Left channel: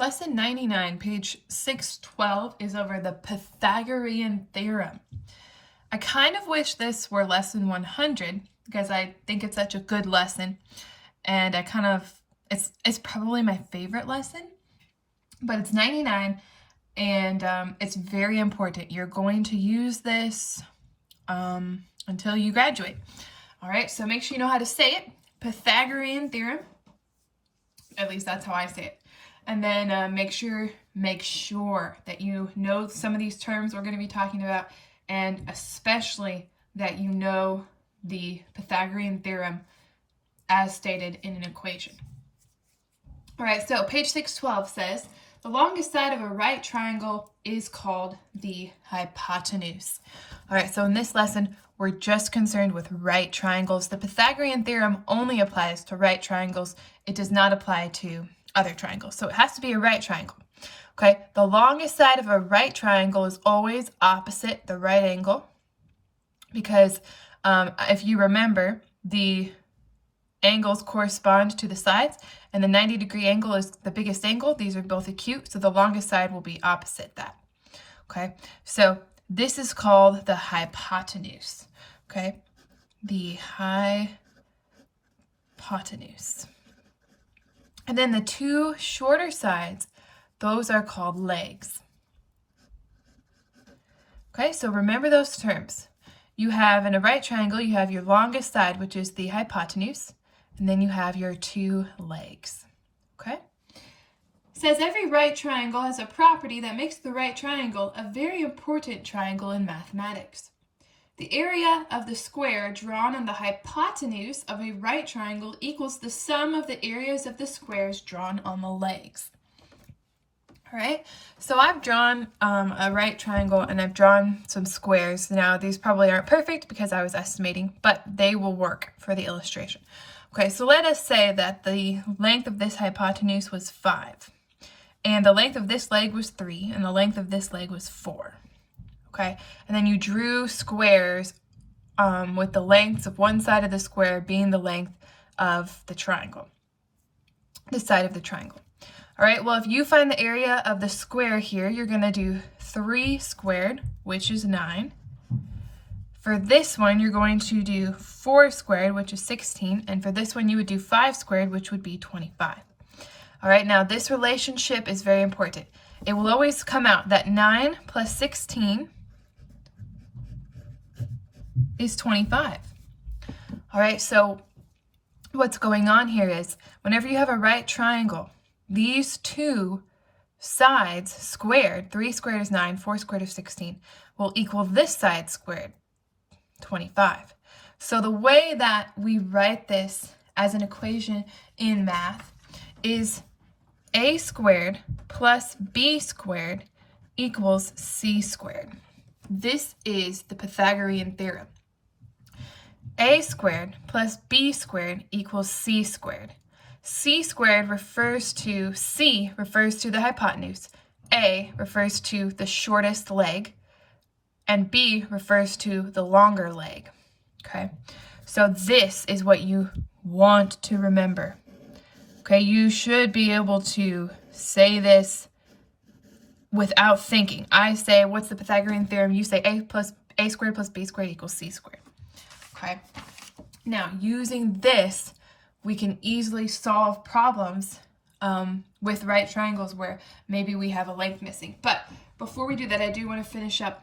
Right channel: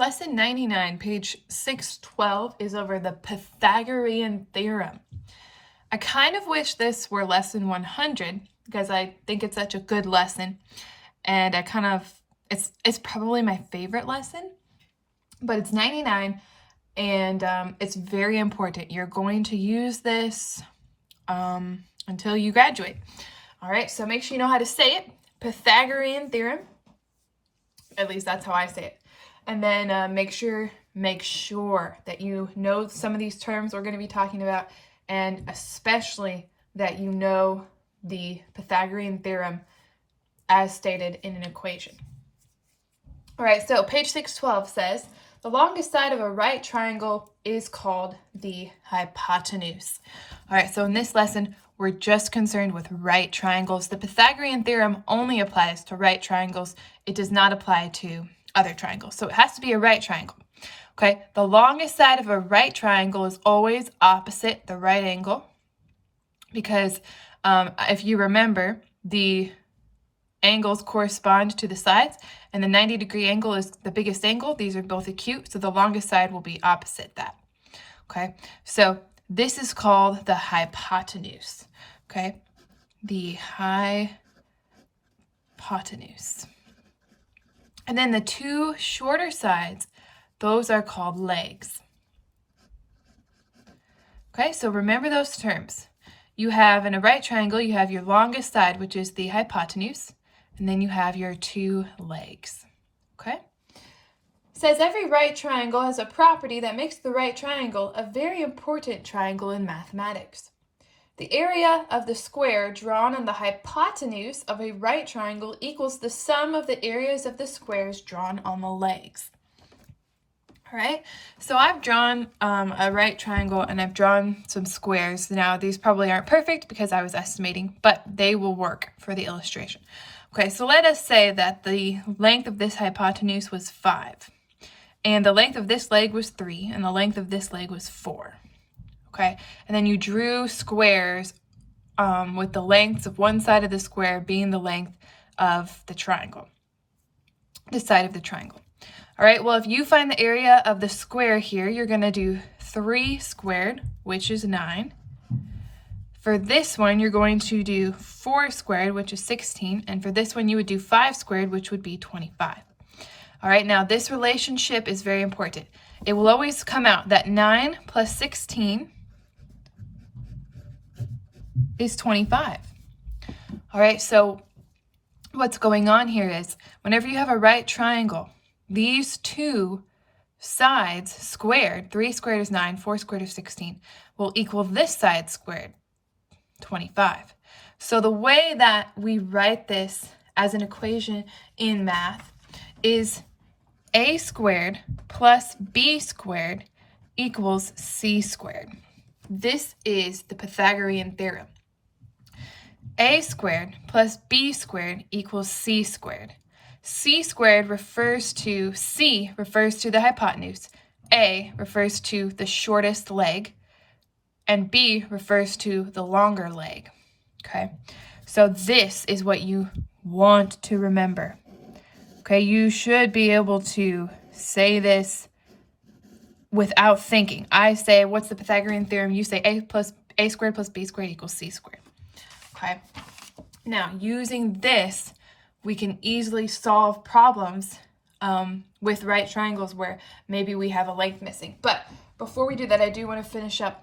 Lesson 99, page 612, is over the Pythagorean Theorem. I kind of wish this were lesson 100 because I think it's such a good lesson, and it's probably my favorite lesson, but it's 99, and it's very important. You're going to use this until you graduate. All right, so make sure you know how to say it. Pythagorean Theorem. At least that's how I say it. And then make sure that you know some of these terms we're going to be talking about, and especially that you know the Pythagorean theorem as stated in an equation. All right, so page 612 says, the longest side of a right triangle is called the hypotenuse. All right, so in this lesson, we're just concerned with right triangles. The Pythagorean theorem only applies to right triangles. It does not apply to other triangles. So it has to be a right triangle. Okay, the longest side of a right triangle is always opposite the right angle, because if you remember, the angles correspond to the sides, and the 90-degree angle is the biggest angle. These are both acute, so the longest side will be opposite that. Okay, so this is called the hypotenuse. Okay, the hypotenuse. And then the two shorter sides, those are called legs. Okay, so remember those terms. You have, in a right triangle, you have your longest side, which is the hypotenuse, and then you have your two legs. Okay? It says every right triangle has a property that makes the right triangle a very important triangle in mathematics. The area of the square drawn on the hypotenuse of a right triangle equals the sum of the areas of the squares drawn on the legs. All right, so I've drawn a right triangle, and I've drawn some squares. Now, these probably aren't perfect because I was estimating, but they will work for the illustration. Okay, so let us say that the length of this hypotenuse was 5, and the length of this leg was 3, and the length of this leg was 4. Okay, and then you drew squares with the lengths of one side of the square being the length of the triangle, the side of the triangle. All right, well, if you find the area of the square here, you're going to do 3 squared, which is 9. For this one, you're going to do 4 squared, which is 16. And for this one, you would do 5 squared, which would be 25. All right, now this relationship is very important. It will always come out that 9 plus 16 is 25. All right, so what's going on here is whenever you have a right triangle, these two sides squared, 3 squared is 9, 4 squared is 16, will equal this side squared, 25. So the way that we write this as an equation in math is a squared plus b squared equals c squared. This is the Pythagorean theorem. A squared plus b squared equals c squared. C squared refers to, C refers to the hypotenuse, A refers to the shortest leg, and B refers to the longer leg. Okay, so this is what you want to remember. Okay, you should be able to say this without thinking. I say, what's the Pythagorean theorem? You say A squared plus B squared equals C squared. Okay, now using this, we can easily solve problems with right triangles where maybe we have a length missing. But before we do that, I do want to finish up.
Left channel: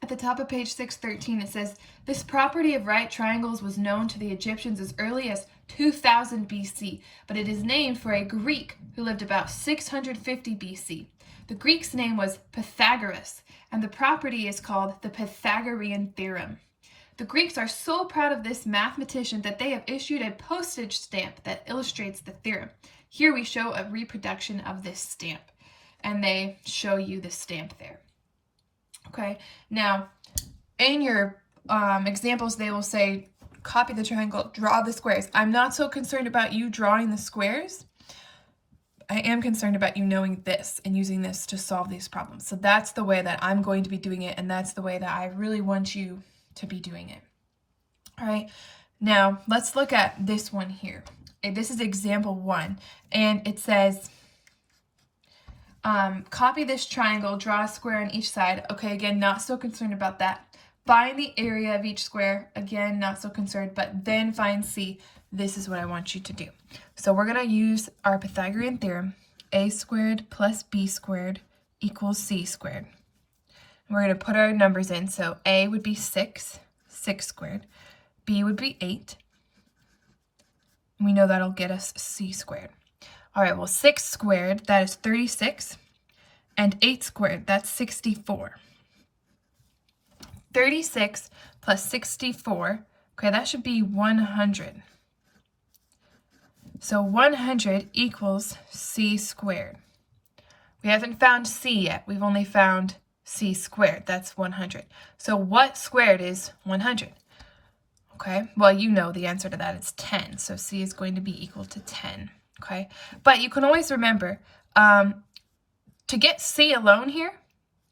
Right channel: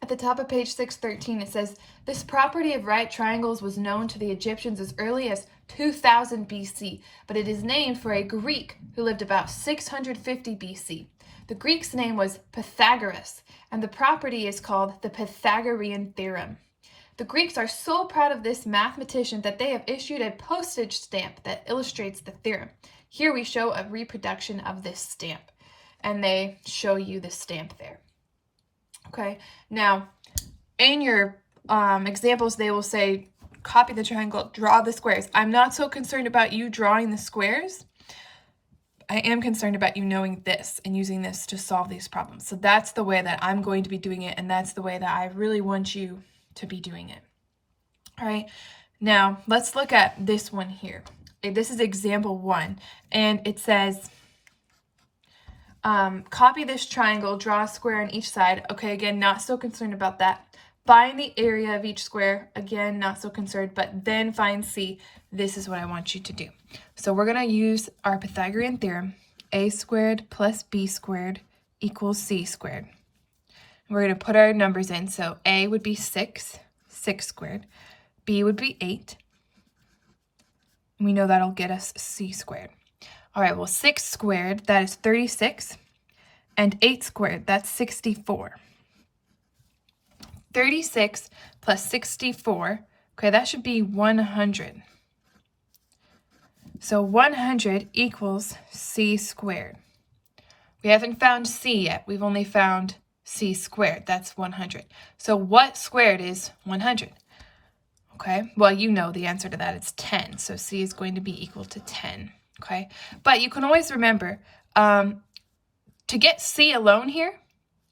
At the top of page 613, it says, this property of right triangles was known to the Egyptians as early as 2000 BC, but it is named for a Greek who lived about 650 BC. The Greek's name was Pythagoras, and the property is called the Pythagorean Theorem. The Greeks are so proud of this mathematician that they have issued a postage stamp that illustrates the theorem. Here we show a reproduction of this stamp, and they show you the stamp there. Okay, now in your examples, they will say, copy the triangle, draw the squares. I'm not so concerned about you drawing the squares. I am concerned about you knowing this and using this to solve these problems. So that's the way that I'm going to be doing it, and that's the way that I really want you to be doing it. All right, now let's look at this one here. This is example 1, and it says Copy this triangle, draw a square on each side. Okay, again, not so concerned about that. Find the area of each square. Again, not so concerned, but then find C. This is what I want you to do. So we're going to use our Pythagorean theorem. A squared plus B squared equals C squared. We're going to put our numbers in. So A would be 6 squared. B would be 8. We know that'll get us C squared. All right, well, 6 squared, that is 36. And 8 squared, that's 64. 36 plus 64, okay, that should be 100. So 100 equals C squared. We haven't found C yet. We've only found C squared. That's 100. So what squared is 100? Okay, well, you know the answer to that. It's 10. So C is going to be equal to 10. Okay, but you can always remember to get C alone here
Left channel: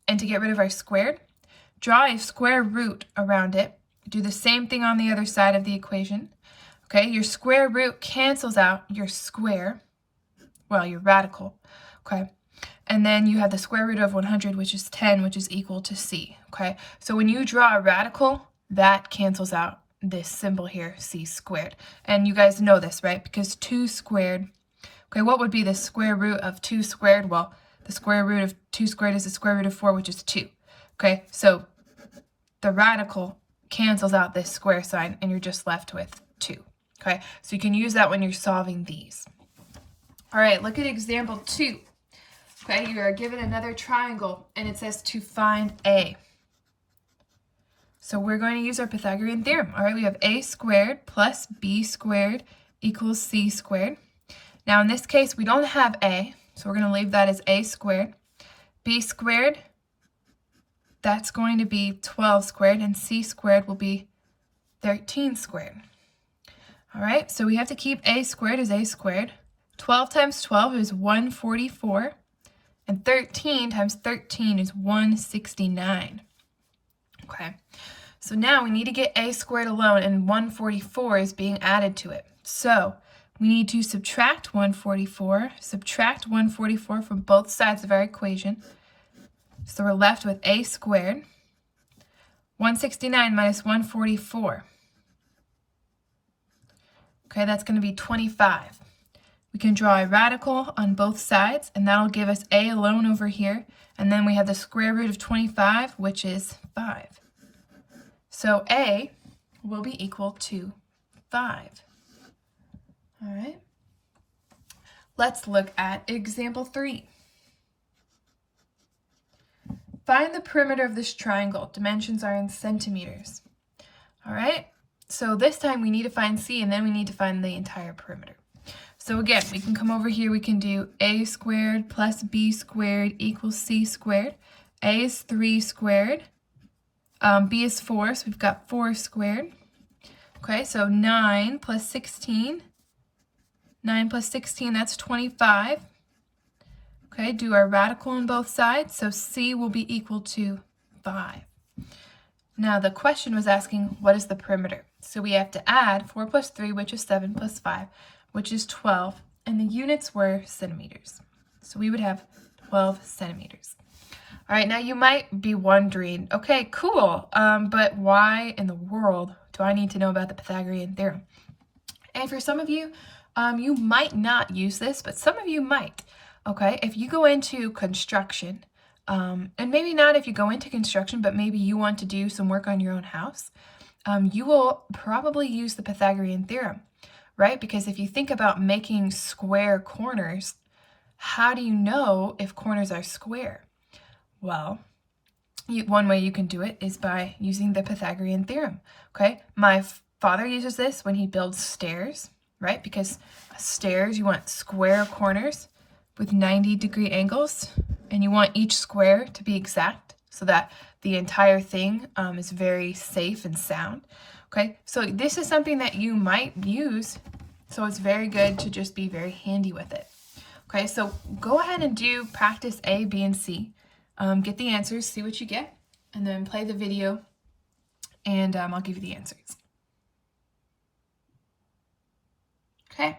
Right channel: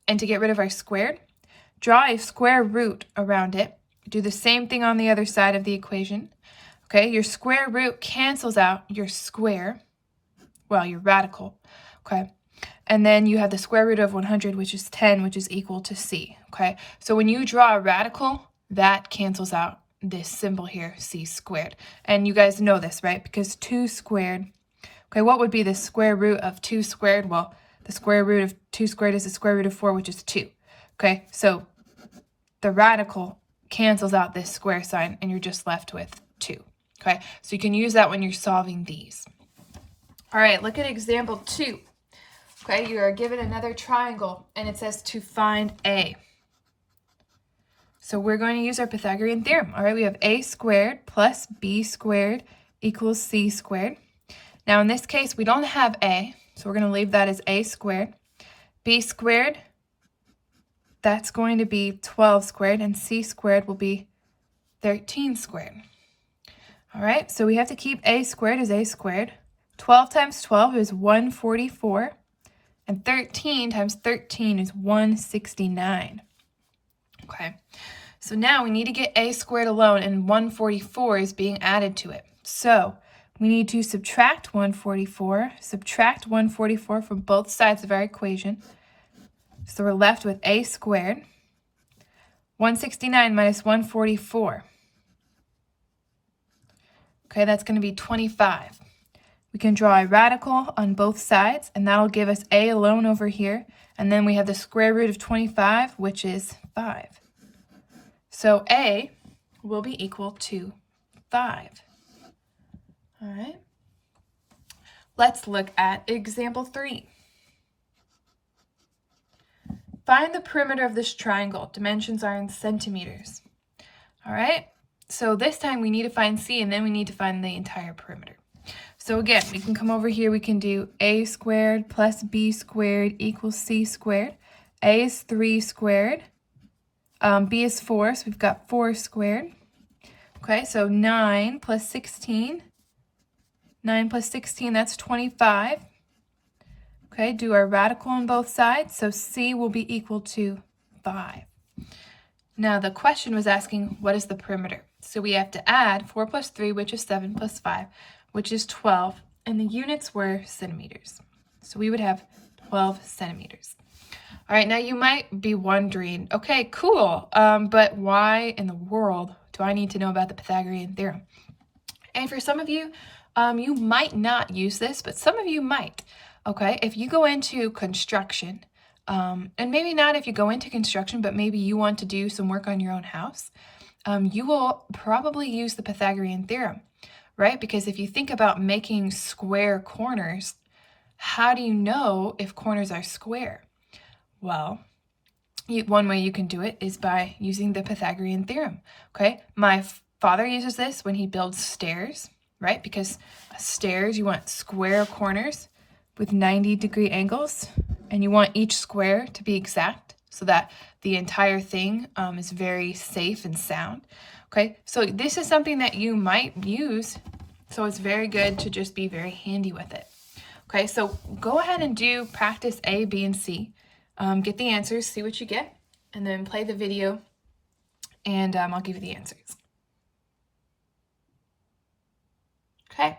and to get rid of our squared, draw a square root around it. Do the same thing on the other side of the equation. Okay, your square root cancels out your square, well, your radical. Okay, and then you have the square root of 100, which is 10, which is equal to C. Okay, so when you draw a radical, that cancels out this symbol here, C squared. And you guys know this, right? Because 2 squared, okay, what would be the square root of 2 squared? Well, the square root of 2 squared is the square root of 4, which is 2. Okay, so the radical cancels out this square sign, and you're just left with 2. Okay, so you can use that when you're solving these. All right, look at example 2. Okay, you are given another triangle, and it says to find A. So we're going to use our Pythagorean theorem. All right, we have A squared plus B squared equals C squared. Now, in this case, we don't have A, so we're going to leave that as A squared. B squared, that's going to be 12 squared, and C squared will be 13 squared. All right, so we have to keep A squared as A squared. 12 times 12 is 144, and 13 times 13 is 169. Okay, so now we need to get A squared alone, and 144 is being added to it. So we need to subtract 144 from both sides of our equation. So we're left with A squared. 169 minus 144. Okay, that's going to be 25. We can draw a radical on both sides, and that'll give us A alone over here. And then we have the square root of 25, which is 5. So A will be equal to 5. All right. Let's look at example 3. Find the perimeter of this triangle. Dimensions are in centimeters. All right. So this time we need to find C, and then we need to find the entire perimeter. So again, we can come over here. We can do A squared plus B squared equals C squared. A is 3 squared. B is 4, so we've got 4 squared. Okay, so 9 plus 16. 9 plus 16, that's 25. Okay, do our radical on both sides, so C will be equal to 5. Now the question was asking, what is the perimeter? So we have to add 4 plus 3, which is 7, plus 5, which is 12, and the units were centimeters. So we would have 12 centimeters. All right, now you might be wondering, okay, cool, but why in the world do I need to know about the Pythagorean theorem? And for some of you, you might not use this, but some of you might. Okay, if you go into construction, and maybe not if you go into construction, but maybe you want to do some work on your own house, you will probably use the Pythagorean theorem, right? Because if you think about making square corners, how do you know if corners are square? Well, one way you can do it is by using the Pythagorean theorem, okay? My father uses this when he builds stairs, right? Because stairs, you want square corners with 90-degree angles, and you want each square to be exact so that the entire thing is very safe and sound. Okay, so this is something that you might use, so it's very good to just be very handy with it. Okay, so go ahead and do practice A, B, and C. Get the answers, see what you get, and then play the video, and I'll give you the answers. Okay,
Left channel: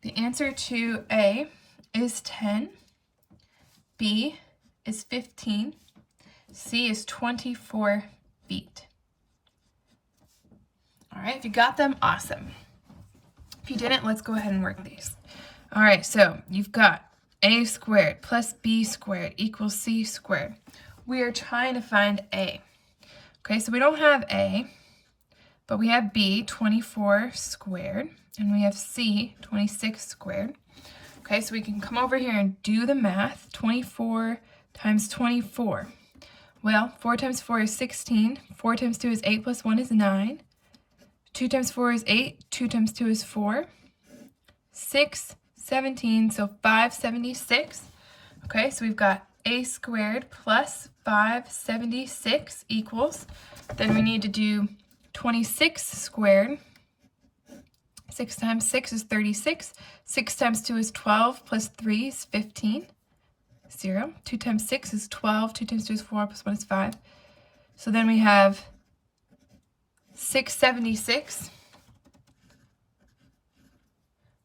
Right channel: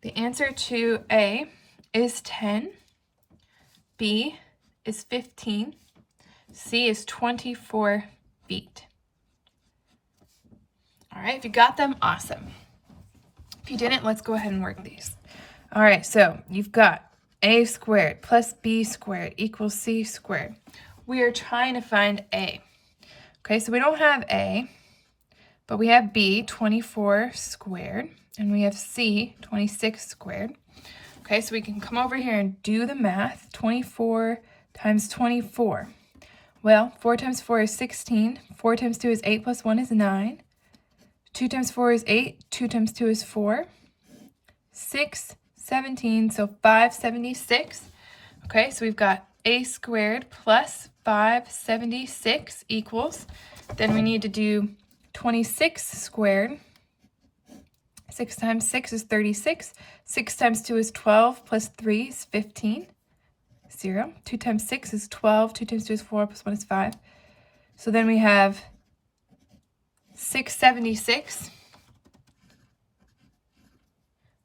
the answer to A is 10. B is 15. C is 24 feet. All right, if you got them, awesome. If you didn't, let's go ahead and work these. All right, so you've got a squared plus b squared equals c squared. We are trying to find a. Okay, so we don't have a, but we have b, 24 squared, and we have c, 26 squared. Okay, so we can come over here and do the math. 24 times 24. Well, 4 times 4 is 16. 4 times 2 is 8 plus 1 is 9. 2 times 4 is 8. 2 times 2 is 4. 6, 17, so 576. Okay, so we've got a squared plus 576 equals. Then we need to do 26 squared. 6 times 6 is 36. 6 times 2 is 12 plus 3 is 15. 0. 2 times 6 is 12. 2 times 2 is 4 plus 1 is 5. So then we have 676.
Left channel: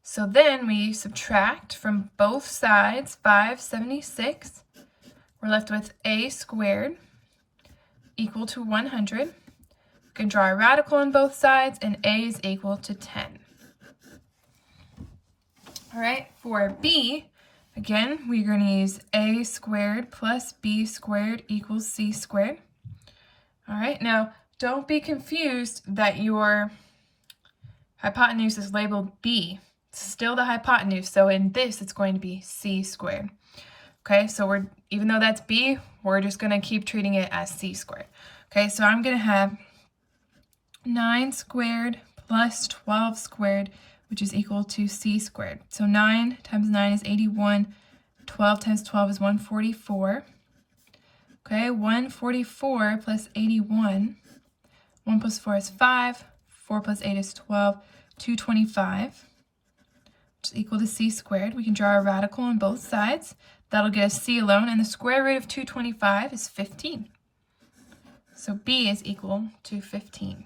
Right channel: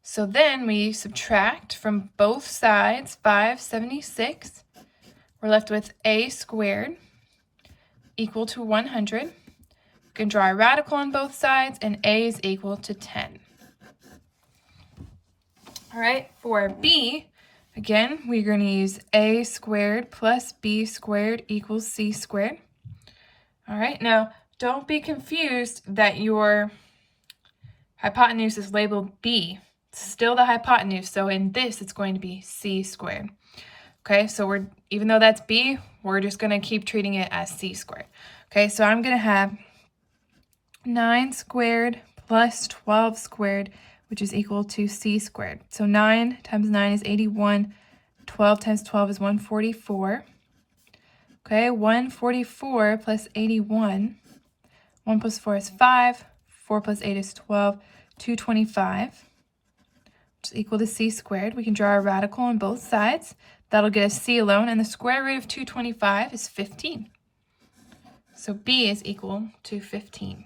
So then we subtract from both sides 576. We're left with a squared equal to 100. We can draw a radical on both sides, and a is equal to 10. All right, for b, again, we're going to use a squared plus b squared equals c squared. All right, now don't be confused that your hypotenuse is labeled b. It's still the hypotenuse, so in this it's going to be c squared. Okay, so even though that's b, we're just going to keep treating it as c squared. Okay, so I'm going to have 9 squared plus 12 squared, which is equal to c squared. So 9 times 9 is 81. 12 times 12 is 144. Okay, 144 plus 81. 1 plus 4 is 5. 4 plus 8 is 12. 225, which is equal to c squared. We can draw a radical on both sides. That'll get us c alone, and the square root of 225 is 15. So b is equal to 15.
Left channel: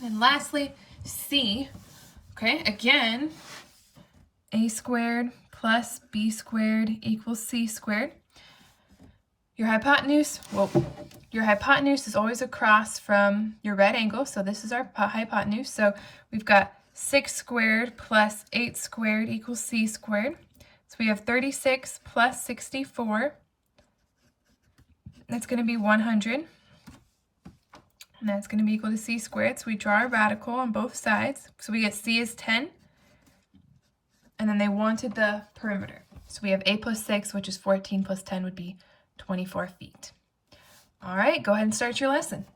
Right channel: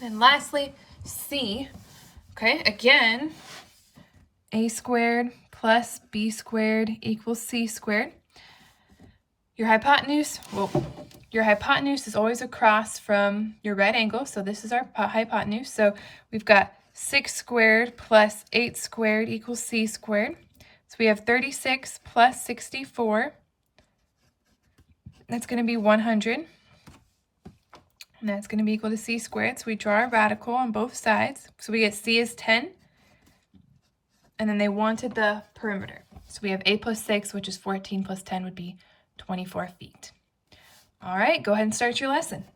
And lastly, c. Okay, again, a squared plus b squared equals c squared. Your hypotenuse is always across from your right angle, so this is our hypotenuse. So we've got 6 squared plus 8 squared equals c squared. So we have 36 plus 64. That's going to be 100. And that's going to be equal to c squared. So we draw a radical on both sides. So we get c is 10. And then they wanted the perimeter. So we have a plus 6, which is 14 plus 10 would be 24 feet. All right, go ahead and start your lesson.